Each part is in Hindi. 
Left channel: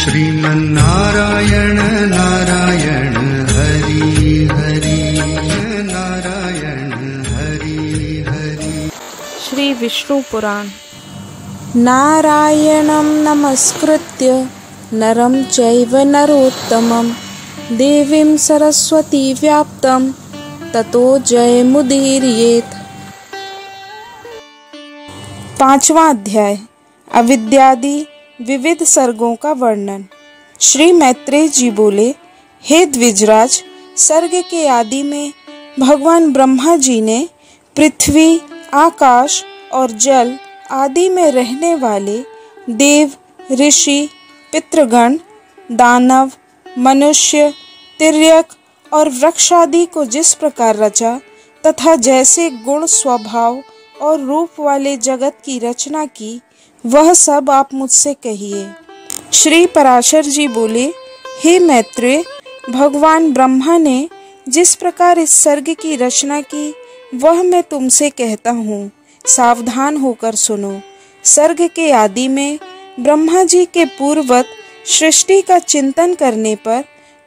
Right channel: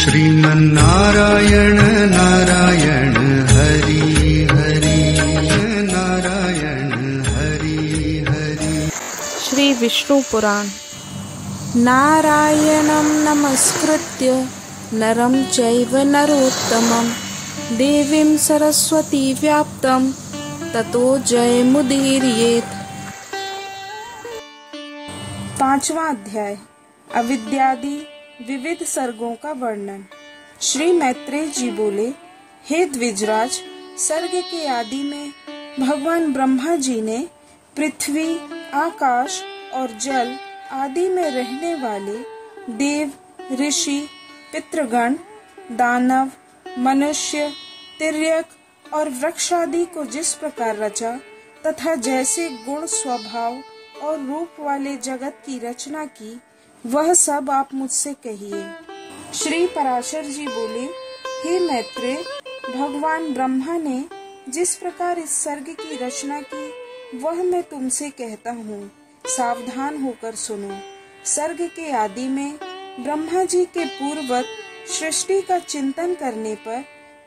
श्रीमन्नारायण नारायण हरि हरि नारायण हरि हरि। श्री विष्णु पुराण। नारायणं नमस्कृत्य नरं चैव नरोत्तमं देवीं सरस्वती व्याप्तं ततो जयमुदीरयेत्। 5वां अध्याय अविद्यादि विविध सर्गों का वर्णन। श्री मैत्रेय जी बोले, हे द्विजराज, सर्ग के आदि में भगवान ब्रह्मा जी ने पृथ्वी, आकाश और जल आदि में रहने वाले देव, ऋषि, पितृगण, दानव, मनुष्य, तिर्यक और वृक्ष आदि को जिस प्रकार रचा तथा जैसे गुण, स्वभाव और रूप वाले जगत की रचना की, वह सब आप मुझसे कहिए। श्री पराशर जी बोले, हे मैत्रेय, भगवान ब्रह्मा ने जिस प्रकार इस सर्ग की रचना की वह मैं तुमसे कहता हूँ, सावधान होकर सुनो। सर्ग के आदि में ब्रह्मा जी के पूर्वत सृष्टि का चिंतन करने पर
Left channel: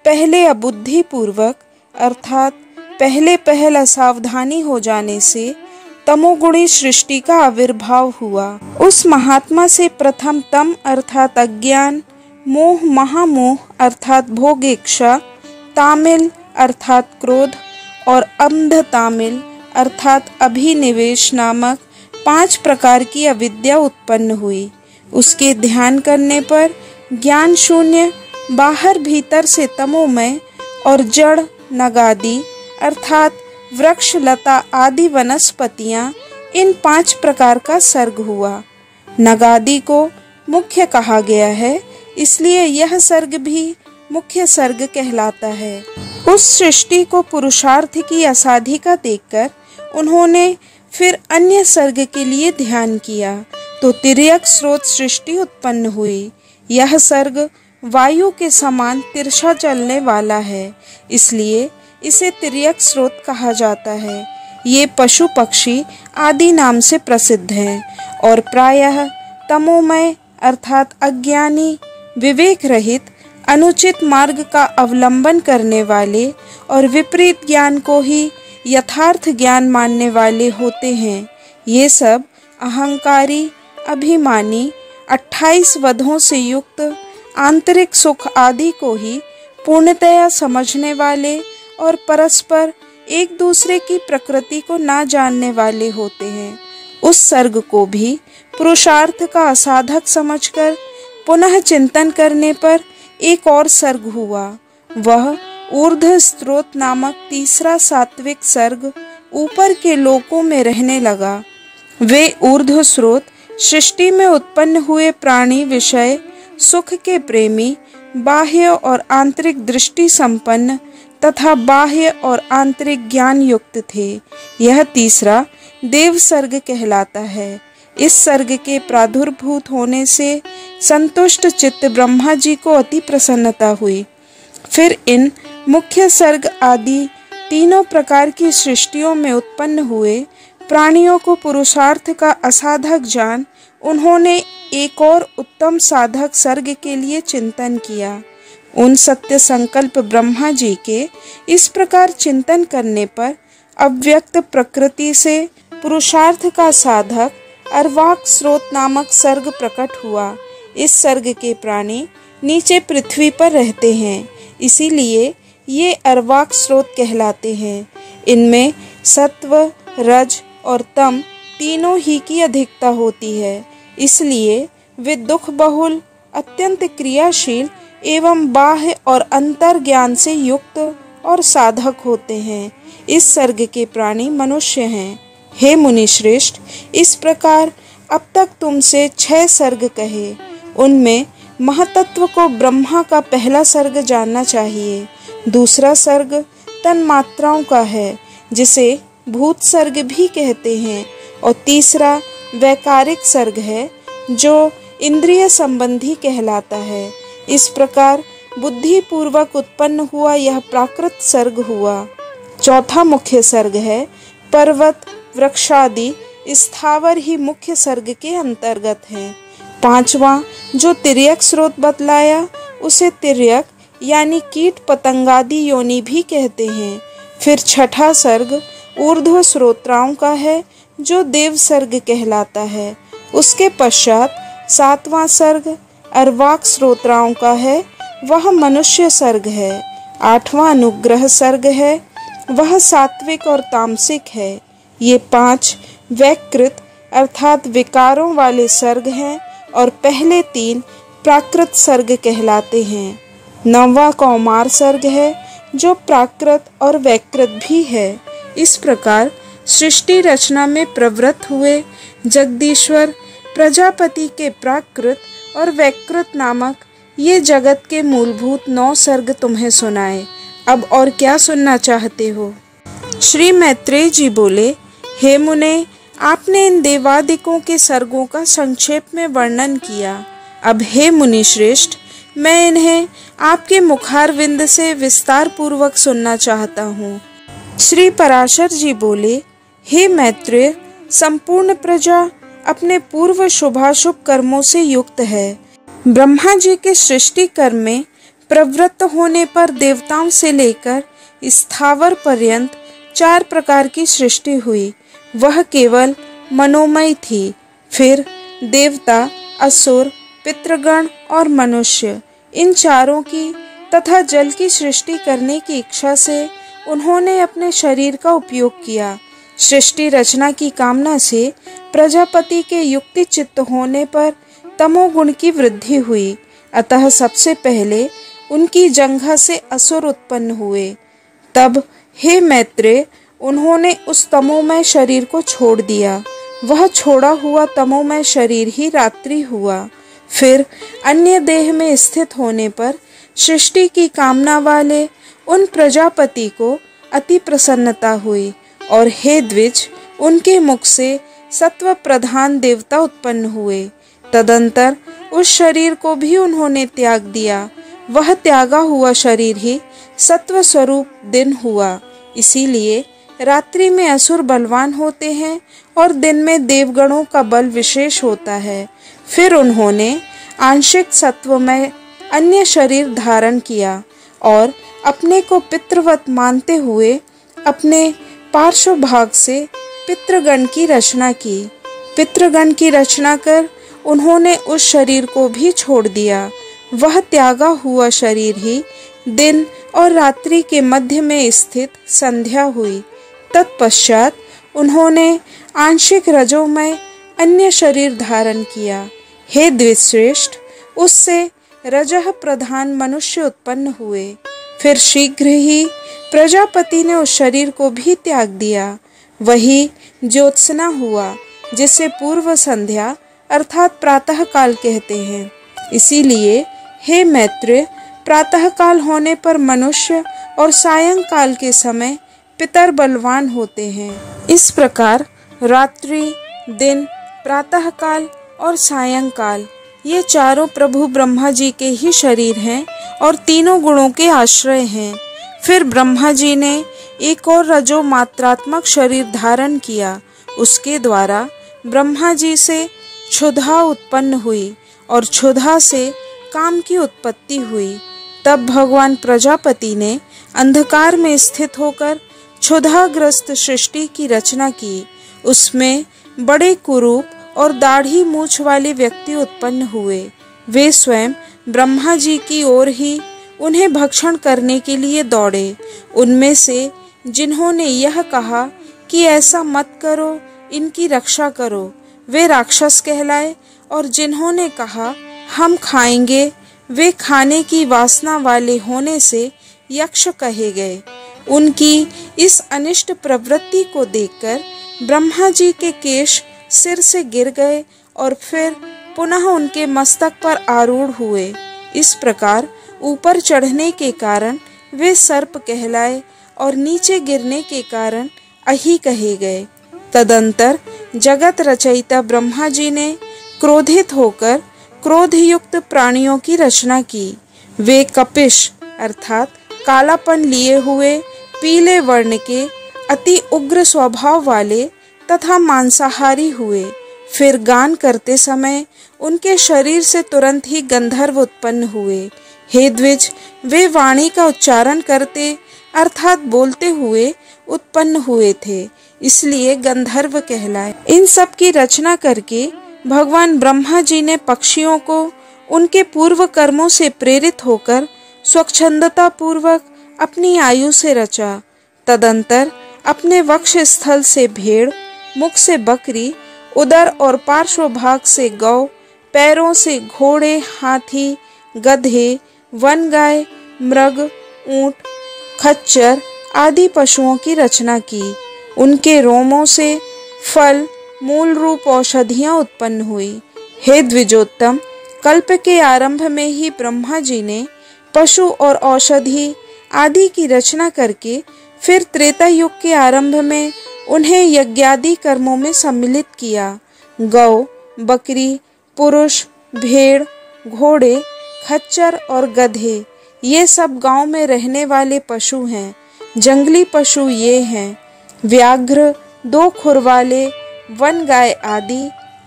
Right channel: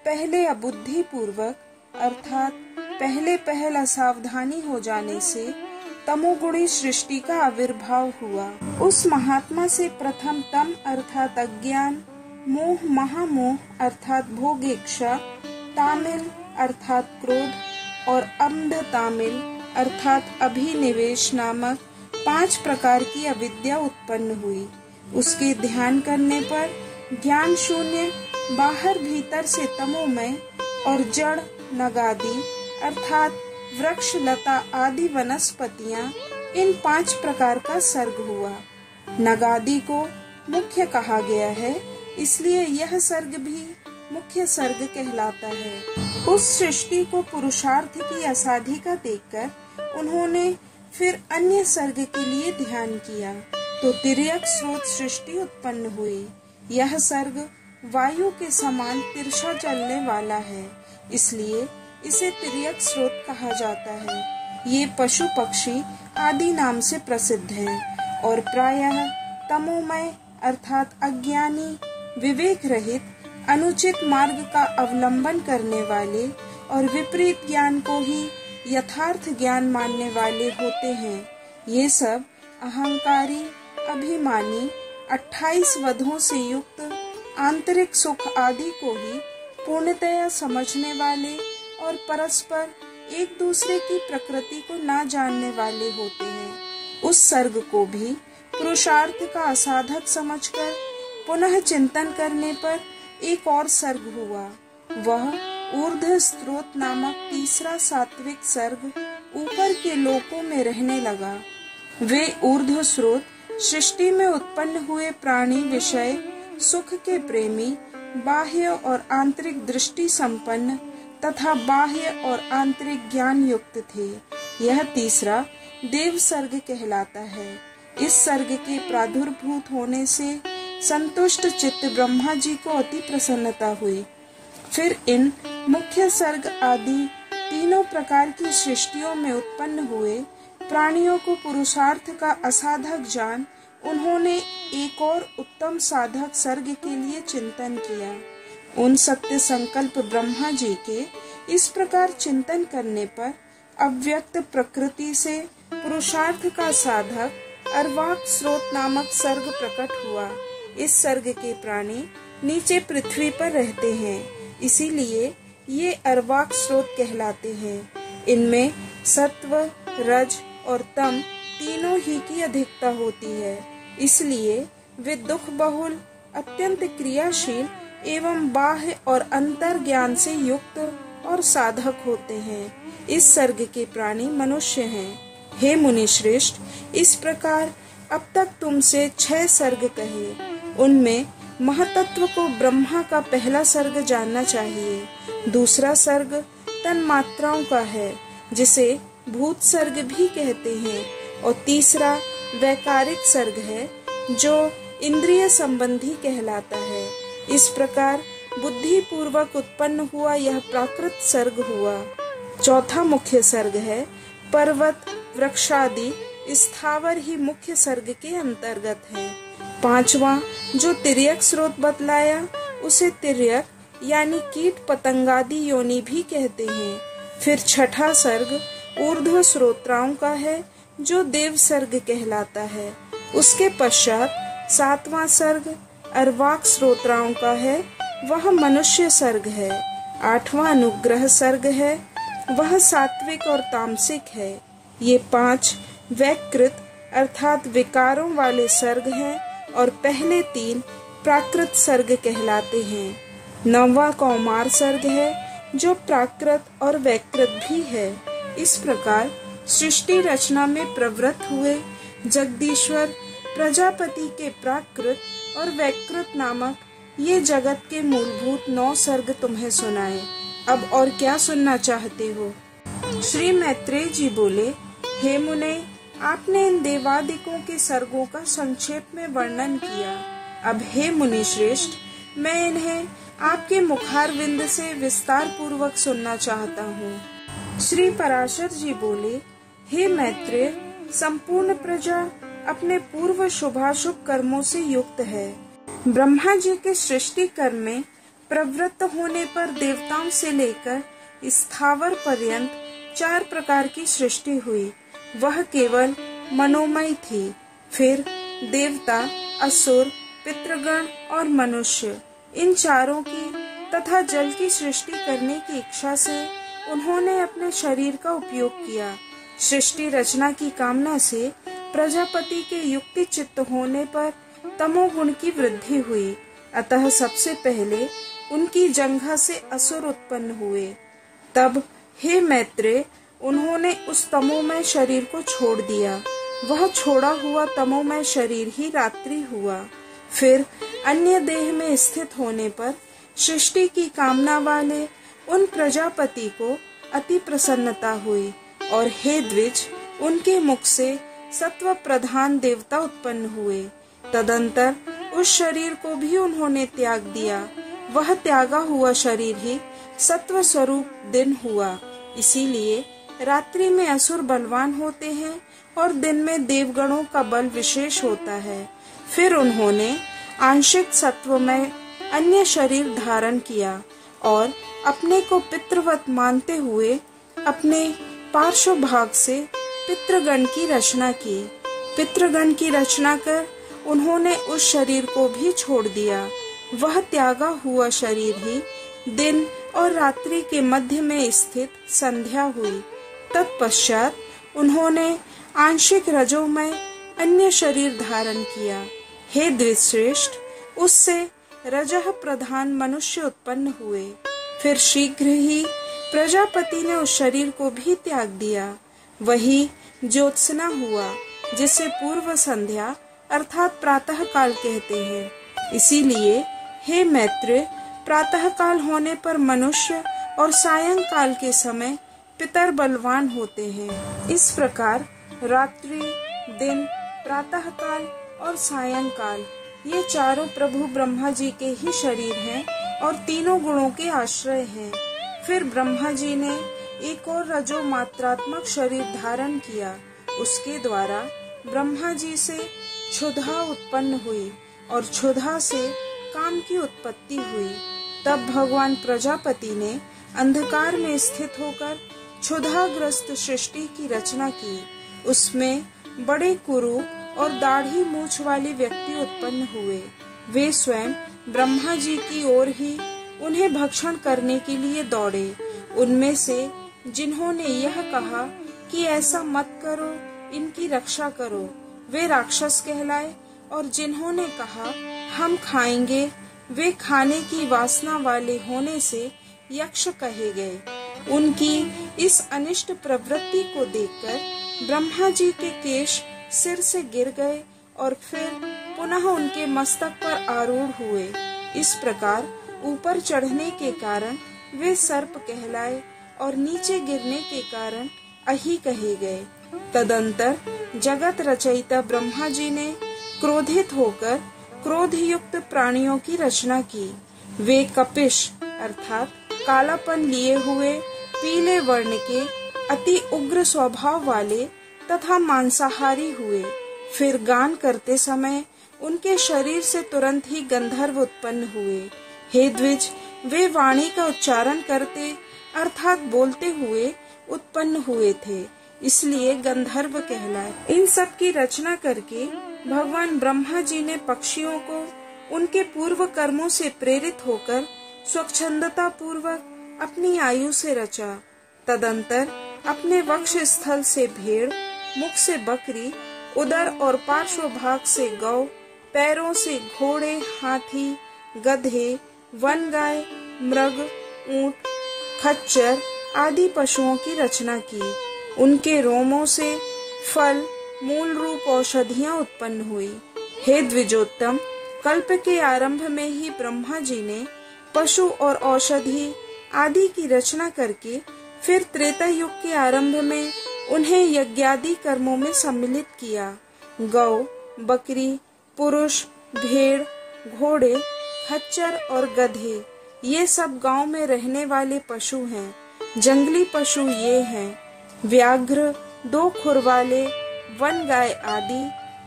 पहले अबुद्धि पूर्वक अर्थात पहले असावधानी हो जाने से तमोगुणी सृष्टि का आविर्भाव हुआ। उस महात्मा से प्रथम तम अर्थात अज्ञान, मोह महामोह अर्थात भोग इच्छा, तामिल अर्थात क्रोध और अंध तामिल अर्थात अभिनिवेश नामक 5 प्रकार की अविद्या उत्पन्न हुई। उसके ध्यान करने पर ज्ञान शून्य बाहर भीतर से तमोमय और जड़ नगादि अर्थात वृक्ष, लता आदि वनस्पतियां, इन 5 प्रकार का सर्ग हुआ। नगादि को मुख्य कहा गया है, इसलिए यह सर्ग भी मुख्य सर्ग कहलाता है। उस सृष्टि को पुरुषार्थ की असाधिका देखकर उन्होंने फिर अन्य सर्ग के लिए ध्यान किया तो तिर्यक स्रोत सृष्टि उत्पन्न हुई। यह सर्ग वायु के समान तिरछा चलने वाला है, इसलिए इसे तिर्यक स्रोत कहा जाता है। ये पशु पक्षी आदि नाम से प्रसिद्ध हैं और प्रायः तमोमय अर्थात अज्ञानी, विवेक रहित, अनुचित मार्ग का अवलंबन करने वाले और विपरीत ज्ञान को ही यथार्थ ज्ञान मानने वाले होते हैं। ये सब अहंकारी, अभिमानी, 28 वधों से युक्त, आंतरिक सुख आदि को ही पूर्णतया समझने वाले और परस्पर एक दूसरे की प्रकृति को ना जानने वाले होते हैं। उस सर्ग को भी पुरुषार्थ का असाधक समझकर पुनः चिंतन करने पर एक और सर्ग हुआ। वह ऊर्ध्व स्रोत नामक तीसरा सात्विक सर्ग ऊपर के लोकों में रहने लगा। वे ऊर्ध्व स्रोत सृष्टि में उत्पन्न हुए प्राणी विषय सुख के प्रेमी, बाह्य और आंतरिक दृष्टि संपन्न तथा बाह्य और आंतरिक ज्ञान युक्त थे। यह तीसरा देव सर्ग कहलाता है। इस सर्ग के प्रादुर्भूत होने से संतुष्ट चित्त ब्रह्मा जी को अति प्रसन्नता हुई। फिर इन मुख्य सर्ग आदि तीनों प्रकार की सृष्टियों में उत्पन्न हुए प्राणियों को पुरुषार्थ का असाधक जान उन्होंने एक और उत्तम साधक सर्ग के लिए चिंतन किया। उन सत्य संकल्प ब्रह्मा जी के इस प्रकार चिंतन करने पर अव्यक्त प्रकृति से पुरुषार्थ का साधक अर्वाक स्रोत नामक सर्ग प्रकट हुआ। इस सर्ग के प्राणी नीचे पृथ्वी पर रहते हैं, इसीलिए ये अर्वाक स्रोत कहलाते हैं। इनमें सत्व, रज और तम तीनों ही की अधिकता होती है, इसलिए वे दुख बहुल, अत्यंत क्रियाशील एवं बाह्य और अंतर ज्ञान से युक्त और साधक होते हैं। इस सर्ग के प्राणी मनुष्य हैं। हे मुनि श्रेष्ठ, इस प्रकार अब तक तुमसे 6 सर्ग कहे। उनमें महतत्व को ब्रह्मा का पहला सर्ग जानना चाहिए। दूसरा सर्ग तन्मात्राओं का है, जिसे भूत सर्ग भी कहते हैं, और तीसरा वैकारिक सर्ग है, जो इंद्रिय संबंधी कहलाता है। इस प्रकार बुद्धि पूर्वक उत्पन्न हुआ यह प्राकृत सर्ग हुआ। चौथा मुख्य सर्ग है पर्वत, वृक्षादि स्थावर ही मुख्य सर्ग के अंतर्गत है। 5वां जो तिर्यक स्रोत बतलाया उसे तिर्यक यानी कीट पतंगादि योनि भी कहते हैं। फिर छठा सर्ग ऊर्ध्व श्रोत्राओं का है, जो देव सर्ग कहलाता है। उसके पश्चात सातवां सर्ग अर्वाक श्रोत्राओं का है, वह मनुष्य सर्ग है। आठवां अनुग्रह सर्ग है, वह सात्विक और तामसिक है। ये 5 वैकृत अर्थात विकारों वाले सर्ग हैं और पहले 3 प्राकृत सर्ग कहलाते हैं। 9वां कौमार सर्ग है, जो प्राकृत और वैकृत भी है। इस प्रकार सृष्टि रचना में प्रवृत्त हुए जगदीश्वर प्रजापति के प्राकृत और वैकृत नामक ये जगत के मूलभूत 9 सर्ग तुम्हें सुनाए। अब और क्या सुनना चाहते हो? श्री मैत्रेय जी बोले, हे मुने, आपने इन देवादिकों के सर्गों का संक्षेप में वर्णन किया। अब हे मुनि श्रेष्ठ, मैं इन्हें आपके मुखारविंद से विस्तार पूर्वक सुनना चाहता हूँ। श्री पराशर जी बोले, हे मैत्रेय, संपूर्ण प्रजा अपने पूर्व शुभाशुभ कर्मों से युक्त है। ब्रह्मा जी के सृष्टि कर्म में प्रवृत्त होने पर देवताओं से लेकर स्थावर पर्यंत 4 प्रकार की सृष्टि हुई। वह केवल मनोमय थी। फिर देवता, असुर, पितृगण और मनुष्य, इन चारों की तथा जल की सृष्टि करने की इच्छा से उन्होंने अपने शरीर का उपयोग किया। सृष्टि रचना की कामना से प्रजापति के युक्ति चित्त होने पर तमोगुण की वृद्धि हुई। अतः सबसे पहले उनकी जंघा से असुर उत्पन्न हुए। तब हे मैत्रेय, उन्होंने उस तमोमय शरीर को छोड़ दिया। वह छोड़ा हुआ तमोमय शरीर ही रात्रि हुआ। फिर अन्य देह में स्थित होने पर सृष्टि की कामना वाले उन प्रजापति को अति प्रसन्नता हुई और हे द्विज, उनके मुख से सत्व प्रधान देवता उत्पन्न हुए। तदंतर उस शरीर को भी उन्होंने त्याग दिया। वह त्यागा हुआ शरीर ही सत्व स्वरूप दिन हुआ। इसीलिए रात्रि में असुर बलवान होते हैं और दिन में देवगणों का बल विशेष होता है। फिर उन्होंने आंशिक सत्वमय अन्य शरीर धारण किया और अपने को पितृवत मानते हुए अपने पार्श्व भाग से पितृगण की रचना की। पितृगण की रचना कर उन्होंने उस शरीर को भी छोड़ दिया। वह त्यागा हुआ शरीर ही दिन और रात्रि के मध्य में स्थित संध्या हुई। तत्पश्चात उन्होंने आंशिक रजोमय अन्य शरीर धारण किया। हे द्विश्रेष्ठ, उससे रजः प्रधान मनुष्य उत्पन्न हुए। फिर शीघ्र ही प्रजापति ने उस शरीर को भी त्याग दिया। वही ज्योत्सना हुआ, जिसे पूर्व संध्या अर्थात प्रातः काल कहते हैं। इसीलिए हे मैत्रेय, प्रातः काल होने पर मनुष्य और सायंकाल के समय पितर बलवान होते हैं। इस प्रकार रात्रि, दिन, प्रातः काल और सायंकाल ये चारों प्रभु ब्रह्मा जी के ही शरीर हैं और तीनों गुणों के आश्रय हैं। फिर ब्रह्मा जी ने एक और रजो मात्रात्मक शरीर धारण किया। उसके द्वारा ब्रह्मा जी से क्षुधा उत्पन्न हुई और क्षुधा से काम की उत्पत्ति हुई। तब भगवान प्रजापति ने अंधकार में स्थित होकर क्षुधाग्रस्त सृष्टि की रचना की। उसमें बड़े कुरूप और दाढ़ी मूछ वाले व्यक्ति उत्पन्न हुए। वे स्वयं ब्रह्मा जी की ओर ही उन्हें भक्षण करने के लिए दौड़े। उनमें से जिन्होंने यह कहा कि ऐसा मत करो, इनकी रक्षा करो, वे राक्षस कहलाए, और जिन्होंने कहा हम खाएंगे, वे खाने की वासना वाले होने से यक्ष कहे गए। उनकी इस अनिष्ट प्रवृत्ति को देखकर ब्रह्मा जी के केश सिर से गिर गए और फिर पुनः उनके मस्तक पर आरूढ़ हुए। इस प्रकार ऊपर चढ़ने के कारण वे सर्प कहलाए और नीचे गिरने के कारण अहि कहे गए। तदंतर जगत रचयिता ब्रह्मा जी ने क्रोधित होकर क्रोधयुक्त प्राणियों की रचना की। वे कपिश अर्थात कालापन लिए हुए, पीले वर्ण के, अति उग्र स्वभाव वाले तथा मांसाहारी हुए। फिर गान करते समय उनके शरीर से तुरंत ही गंधर्व उत्पन्न हुए। हे द्विज, वे वाणी का उच्चारण करते अर्थात बोलते हुए उत्पन्न हुए थे, इसलिए गंधर्व कहलाए। इन सब की रचना करके भगवान ब्रह्मा जी ने पक्षियों को उनके पूर्व कर्मों से प्रेरित होकर स्वच्छंदता पूर्वक अपनी आयु से रचा। तदंतर अपने वक्ष स्थल से भेड़, मुख से बकरी, उदर और पार्श्व भाग से गौ, पैरों से घोड़े, हाथी, गधे, वन गाय, मृग, ऊंट, खच्चर आदि पशुओं की रचना की। उनके रोमों से फल, मूल रूप औषधियां उत्पन्न हुई। हे द्विजोत्तम, कल्प के आरंभ में ही ब्रह्मा जी ने पशु और औषधि आदि की रचना करके फिर त्रेता युग के आरंभ में उन्हें यज्ञादि कर्मों में सम्मिलित किया। गौ, बकरी, पुरुष, भेड़, घोड़े, खच्चर और गधे ये सब गांव में रहने वाले पशु हैं। जंगली पशु ये हैं व्याघ्र, 2 खुर वाले, वन गाय आदि,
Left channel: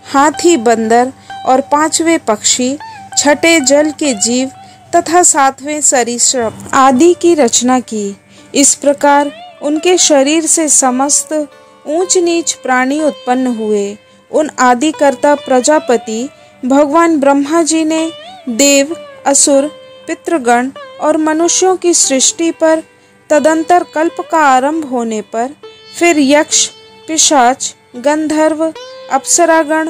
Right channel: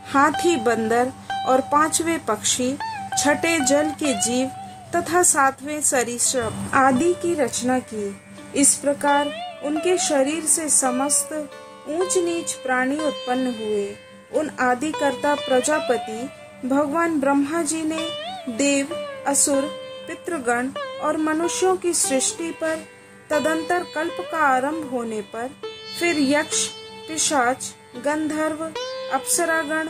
हाथी, बंदर और 5वें पक्षी, 6ठे जल के जीव तथा 7वें सरीसृप आदि की रचना की। इस प्रकार उनके शरीर से समस्त ऊंच नीच प्राणी उत्पन्न हुए। उन आदिकर्ता प्रजापति भगवान ब्रह्मा जी ने देव, असुर, पितृगण और मनुष्यों की सृष्टि पर तदंतर कल्प का आरंभ होने पर फिर यक्ष, पिशाच, गंधर्व, अप्सरागण,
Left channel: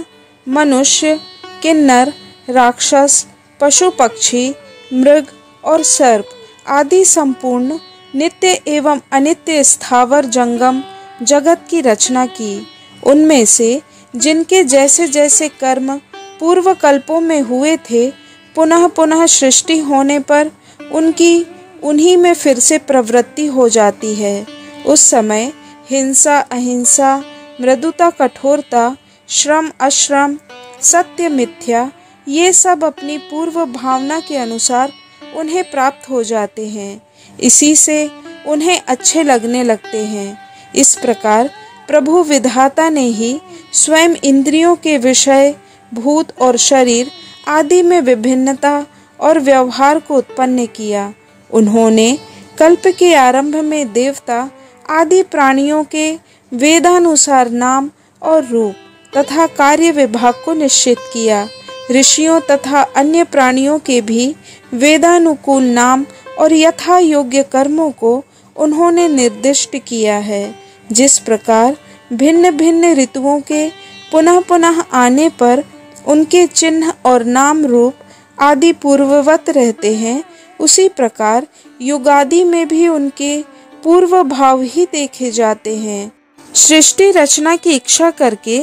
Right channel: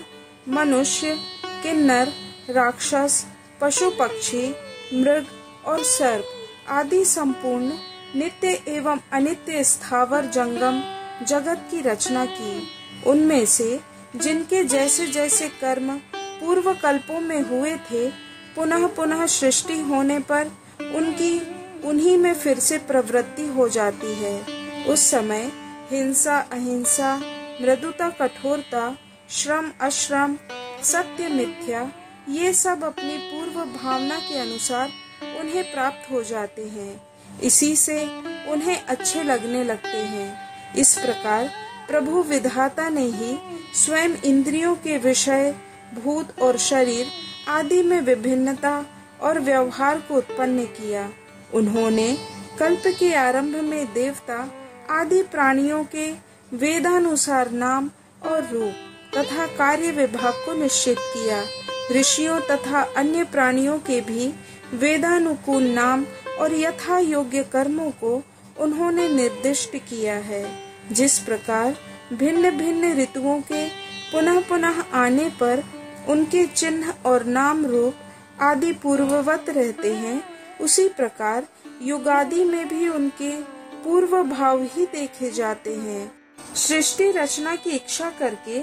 मनुष्य, किन्नर, राक्षस, पशु पक्षी, मृग और सर्प आदि संपूर्ण नित्य एवं अनित्य स्थावर जंगम जगत की रचना की। उनमें से जिनके जैसे जैसे कर्म पूर्व कल्पों में हुए थे, पुनः पुनः सृष्टि होने पर उनकी उन्हीं में फिर से प्रवृत्ति हो जाती है। उस समय हिंसा, अहिंसा, मृदुता, कठोरता, श्रम, अश्रम, सत्य, मिथ्या ये सब अपनी पूर्व भावना के अनुसार उन्हें प्राप्त हो जाते हैं। इसी से उन्हें अच्छे लगने लगते हैं। इस प्रकार प्रभु विधाता ने ही स्वयं इंद्रियों के विषय, भूत और शरीर आदि में विभिन्नता और व्यवहार को उत्पन्न किया। उन्होंने कल्प के आरंभ में देवता आदि प्राणियों के वेदानुसार नाम और रूप तथा कार्य विभाग को निश्चित किया। ऋषियों तथा अन्य प्राणियों के भी वेदानुकूल नाम और यथा योग्य कर्मों को उन्होंने निर्दिष्ट किया है। जिस प्रकार भिन्न भिन्न ऋतुओं के पुनः पुनः आने पर उनके चिन्ह और नाम रूप आदि पूर्ववत रहते हैं, उसी प्रकार युगादि में भी उनके पूर्व भाव ही देखे जाते हैं। सृष्टि रचना की इच्छा करके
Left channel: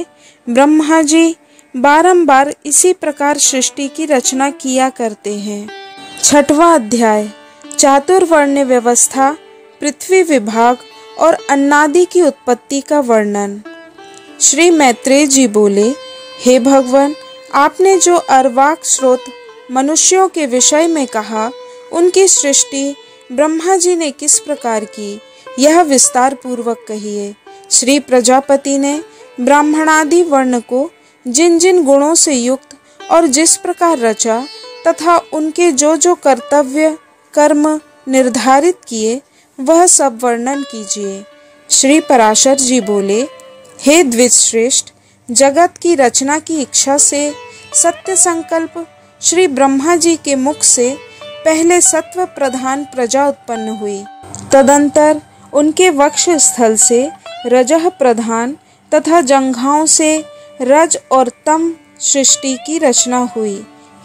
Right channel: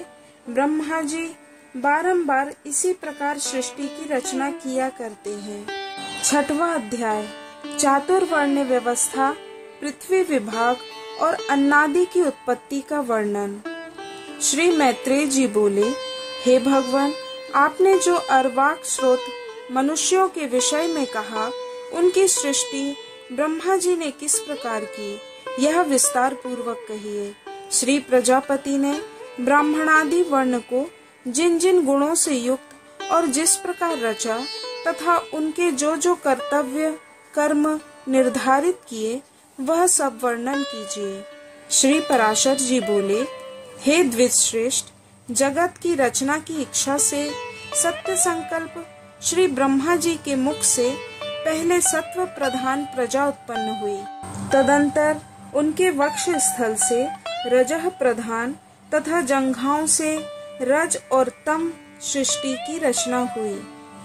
ब्रह्मा जी बारंबार इसी प्रकार सृष्टि की रचना किया करते हैं। 6वां अध्याय चातुर्वर्ण व्यवस्था, पृथ्वी विभाग और अन्नादि की उत्पत्ति का वर्णन। श्री मैत्रेय जी बोले, हे भगवान, आपने जो अर्वाक स्रोत मनुष्यों के विषय में कहा, उनकी सृष्टि ब्रह्मा जी ने किस प्रकार की, यह विस्तार पूर्वक कहिए। श्री प्रजापति ने ब्राह्मणादि वर्ण को जिन जिन गुणों से युक्त और जिस प्रकार रचा तथा उनके जो जो कर्तव्य कर्म निर्धारित किए, वह सब वर्णन कीजिए। श्री पराशर जी बोले, हे द्विज श्रेष्ठ, जगत की रचना की इच्छा से सत्य संकल्प श्री ब्रह्मा जी के मुख से पहले सत्व प्रधान प्रजा उत्पन्न हुई। तदंतर उनके वक्ष स्थल से रजह प्रधान तथा जंघाओं से रज और तम सृष्टि की रचना हुई।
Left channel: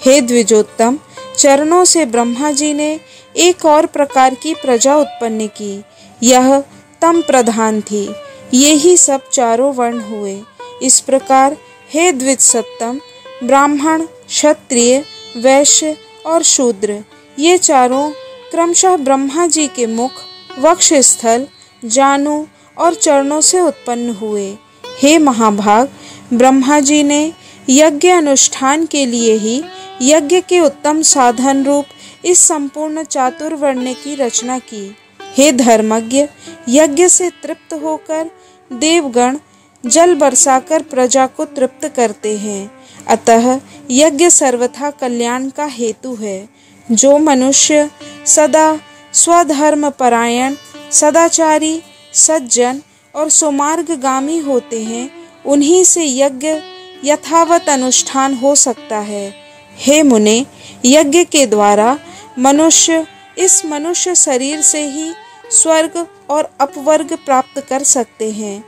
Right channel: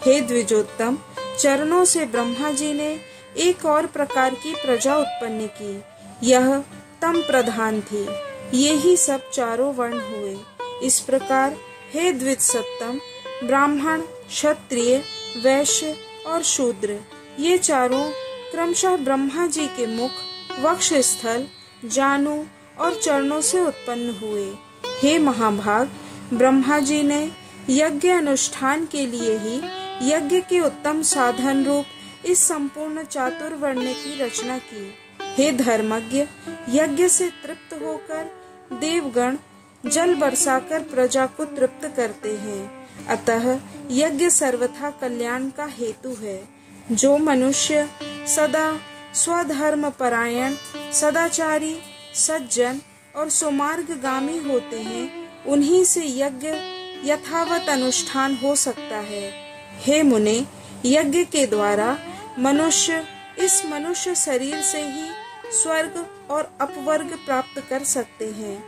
हे द्विजोत्तम, चरणों से ब्रह्मा जी ने एक और प्रकार की प्रजा उत्पन्न की, यह तम प्रधान थी। ये ही सब चारों वर्ण हुए। इस प्रकार हे द्विज सत्तम, ब्राह्मण, क्षत्रिय, वैश्य और शूद्र ये चारों क्रमशः ब्रह्मा जी के मुख, वक्ष स्थल, जानु और चरणों से उत्पन्न हुए। हे महाभाग, ब्रह्मा जी ने यज्ञ अनुष्ठान के लिए ही यज्ञ के उत्तम साधन रूप इस संपूर्ण चातुर्वर्ण की रचना की। हे धर्मज्ञ, यज्ञ से तृप्त होकर देवगण जल बरसाकर प्रजा को तृप्त करते हैं। अतः यज्ञ सर्वथा कल्याण का हेतु है। जो मनुष्य सदा स्वधर्म परायण, सदाचारी, सज्जन और सुमार्गगामी होते हैं, उन्हीं से यज्ञ यथावत अनुष्ठान हो सकता है। हे मुने, यज्ञ के द्वारा मनुष्य इस मनुष्य शरीर से ही स्वर्ग और अपवर्ग प्राप्त कर सकते हैं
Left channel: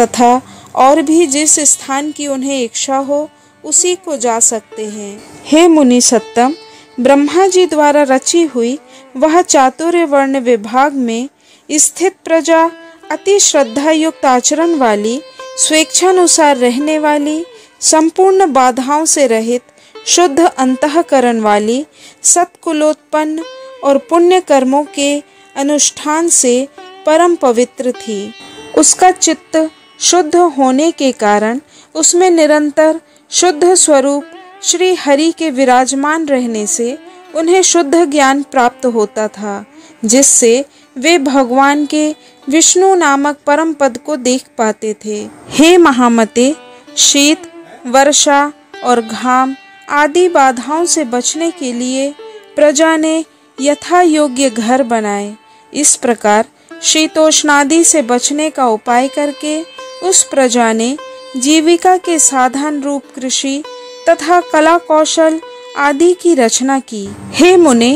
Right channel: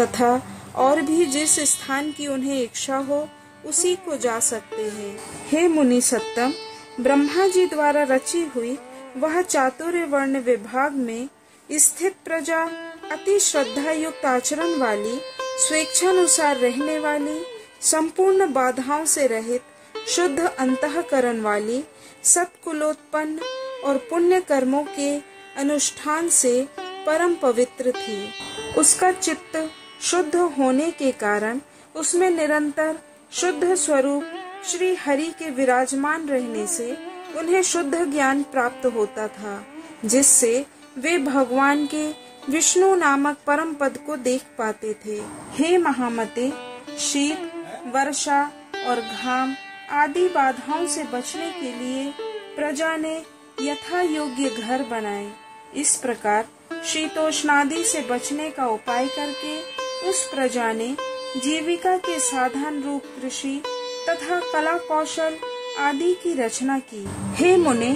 तथा और भी जिस स्थान की उन्हें इच्छा हो उसी को जा सकते हैं। हे मुनि सत्तम, ब्रह्मा जी द्वारा रची हुई वह चातुर्य वर्ण विभाग में स्थित प्रजा अति श्रद्धा युक्त आचरण वाली, स्वेच्छानुसार रहने वाली, संपूर्ण बाधाओं से रहित, शुद्ध अंतःकरण वाली, सत्कुलोत्पन्न और पुण्य कर्मों के अनुष्ठान से परम पवित्र थी। उसका चित्त शुद्ध होने के कारण उसमें निरंतर शुद्ध स्वरूप श्री हरि के विराजमान रहने से उन्हें शुद्ध ज्ञान प्राप्त होता था, जिससे वे भगवान के विष्णु नामक परम पद को देख पाते थे। हे महामते, शीत, वर्षा और घाम आदि बाधाओं से बचने के लिए प्रजा ने यथा योग्य घर बनाए। इस प्रकार शीतोष्णादि से बचने का उपाय करके उस प्रजा ने जीविका के साधन रूप कृषि तथा कला कौशल आदि की रचना की। हे मुने,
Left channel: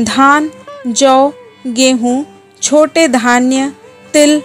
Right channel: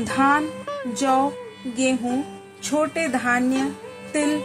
धान, जौ, गेहूं, छोटे धान्य, तिल,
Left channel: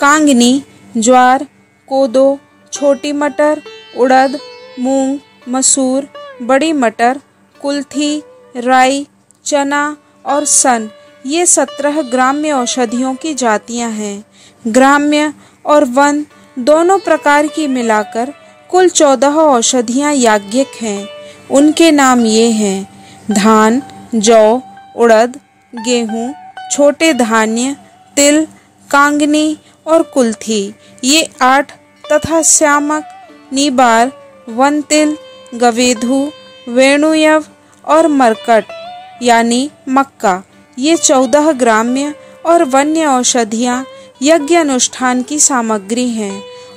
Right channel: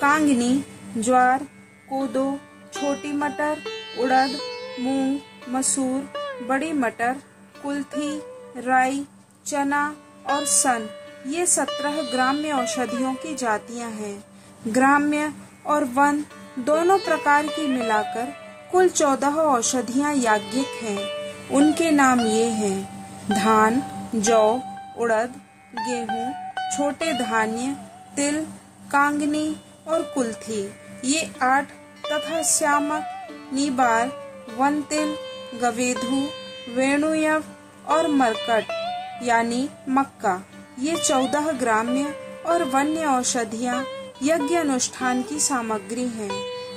कांगनी, ज्वार, कोदो, छोटी मटर, उड़द, मूंग, मसूर, बड़ी मटर, कुल्थी, राई, चना और सन, ये 17 ग्राम्य औषधियों की जातियां हैं। ग्राम्य और वन दोनों प्रकार की मिलाकर कुल 14 औषधियां याज्ञिक हैं। उनके नाम ये हैं: धान, जौ, उड़द, गेहूं, छोटे धान्य, तिल, कांगनी और कुल्थी, ये 8 तथा श्यामक, नीबार, वनतिल, गवेधु, वेणुयव और मरकट यानी मक्का, ये 14 ग्राम्य और वन्य औषधियां यज्ञ अनुष्ठान की सामग्री हैं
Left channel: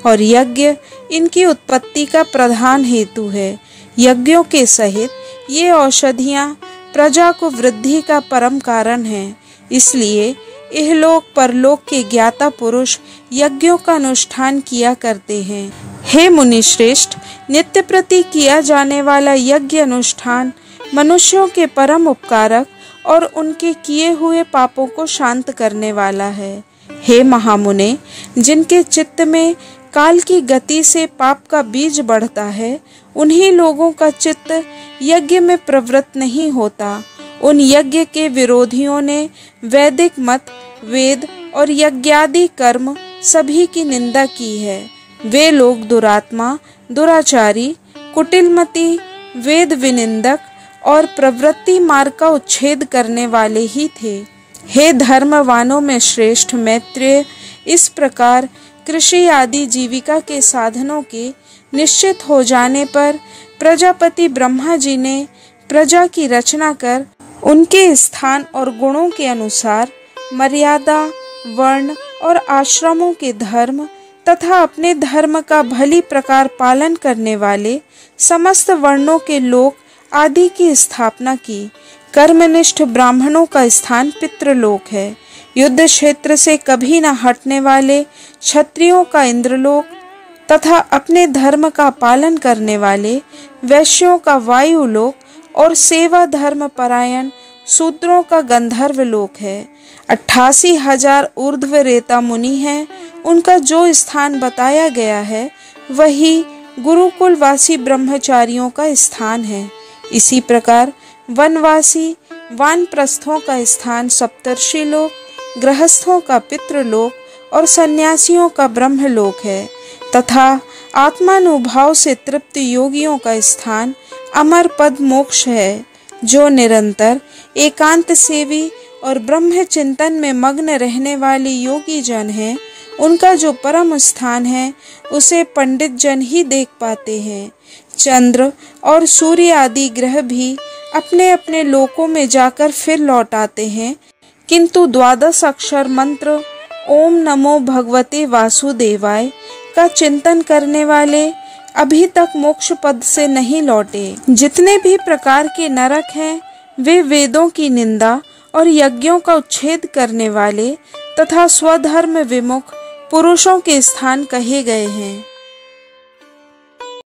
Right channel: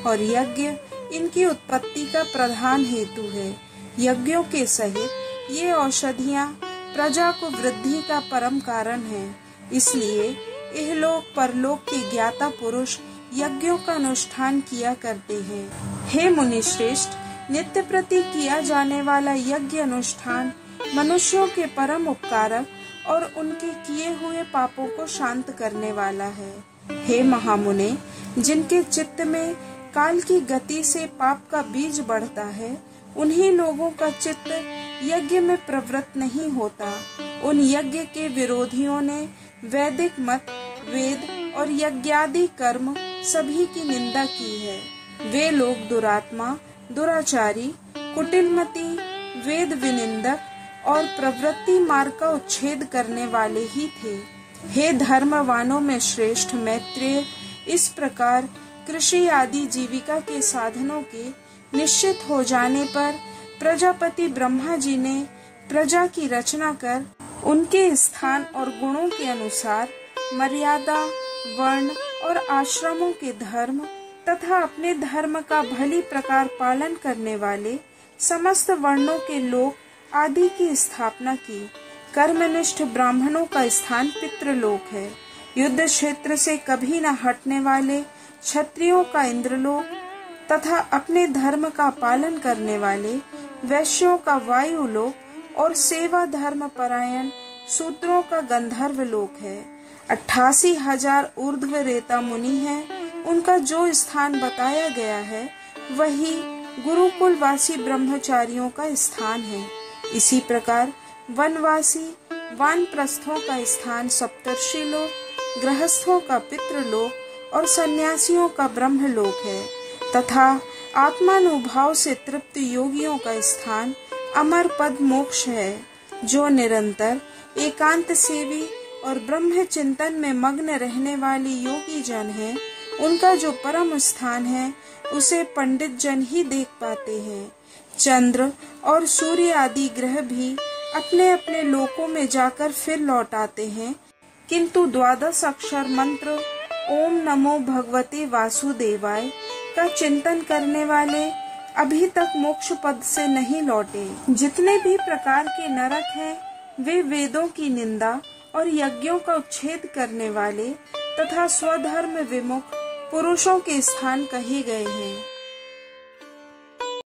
और यज्ञ इनकी उत्पत्ति का प्रधान हेतु है। यज्ञों के सहित ये औषधियां प्रजा को वृद्धि का परम कारण हैं। इसलिए इहलोक परलोक के ज्ञाता पुरुष यज्ञों का अनुष्ठान किया करते हैं। हे मुनिश्रेष्ठ, नित्य प्रति किया जाने वाला यज्ञ अनुष्ठान मनुष्यों के परम उपकारक और उनके किए हुए पापों को शांत करने वाला है। हे महामुने, जिनके चित्त में काल की गति से पाप का बीज बढ़ता है, उन्हीं लोगों का चित्त यज्ञ में प्रवृत्त नहीं होता। उन यज्ञ के विरोधियों ने वैदिक मत, वेद और यज्ञादि कर्म सभी की निंदा की है। वे लोग दुरात्मा, दुराचारी, कुटिलमती, वेद विनिंदक और प्रवृत्ति मार्ग का उच्छेद करने वाले ही थे। हे धर्मवानों में श्रेष्ठ मैत्रेय, इस प्रकार कृषि आदि जीविका के साधनों के निश्चित हो जाने पर प्रजापति ब्रह्मा जी ने प्रजा की रचना कर उनके स्थान और गुणों के अनुसार मर्यादा, वर्ण और आश्रमों के धर्म तथा अपने धर्म का भली प्रकार पालन करने वाले समस्त वर्णों के लोक आदि की स्थापना की। कर्मनिष्ठ ब्राह्मणों का स्थान पितृलोक है। युद्ध क्षेत्र से कभी न हटने वाले क्षत्रियों का इंद्रलोक तथा अपने धर्म का पालन करने वाले वैश्यों का वायुलोक और सेवा धर्म परायण शूद्रों का गंधर्व लोक है। 88,000 ऊर्ध्व रेता मुनि हैं। उनका जो स्थान बताया गया है वही गुरुकुलवासी ब्रह्मचारियों का स्थान है। इसी प्रकार वनवासी वानप्रस्थों का स्थान सप्तर्षि लोक, गृहस्थों का पितृलोक और सन्यासियों का ब्रह्मलोक है तथा आत्मानुभाव से तृप्त योगियों का स्थान अमर पद मोक्ष है। जो निरंतर एकांत सेवी और ब्रह्म चिंतन में मग्न रहने वाले योगी जन हैं, उनका जो परम स्थान है उसे पंडित जन ही देख पाते हैं। चंद्र और सूर्य आदि ग्रह भी अपने अपने लोकों में जाकर फिर लौट आते हैं, किंतु 12 अक्षर मंत्र ओम नमो भगवते वासुदेवाय का चिंतन करने वाले अभी तक मोक्ष पद से नहीं लौटे। जितने भी प्रकार के नरक हैं वे वेदों की निंदा और यज्ञों का उच्छेद करने वाले तथा स्वधर्म विमुख पुरुषों के स्थान कहे गए हैं।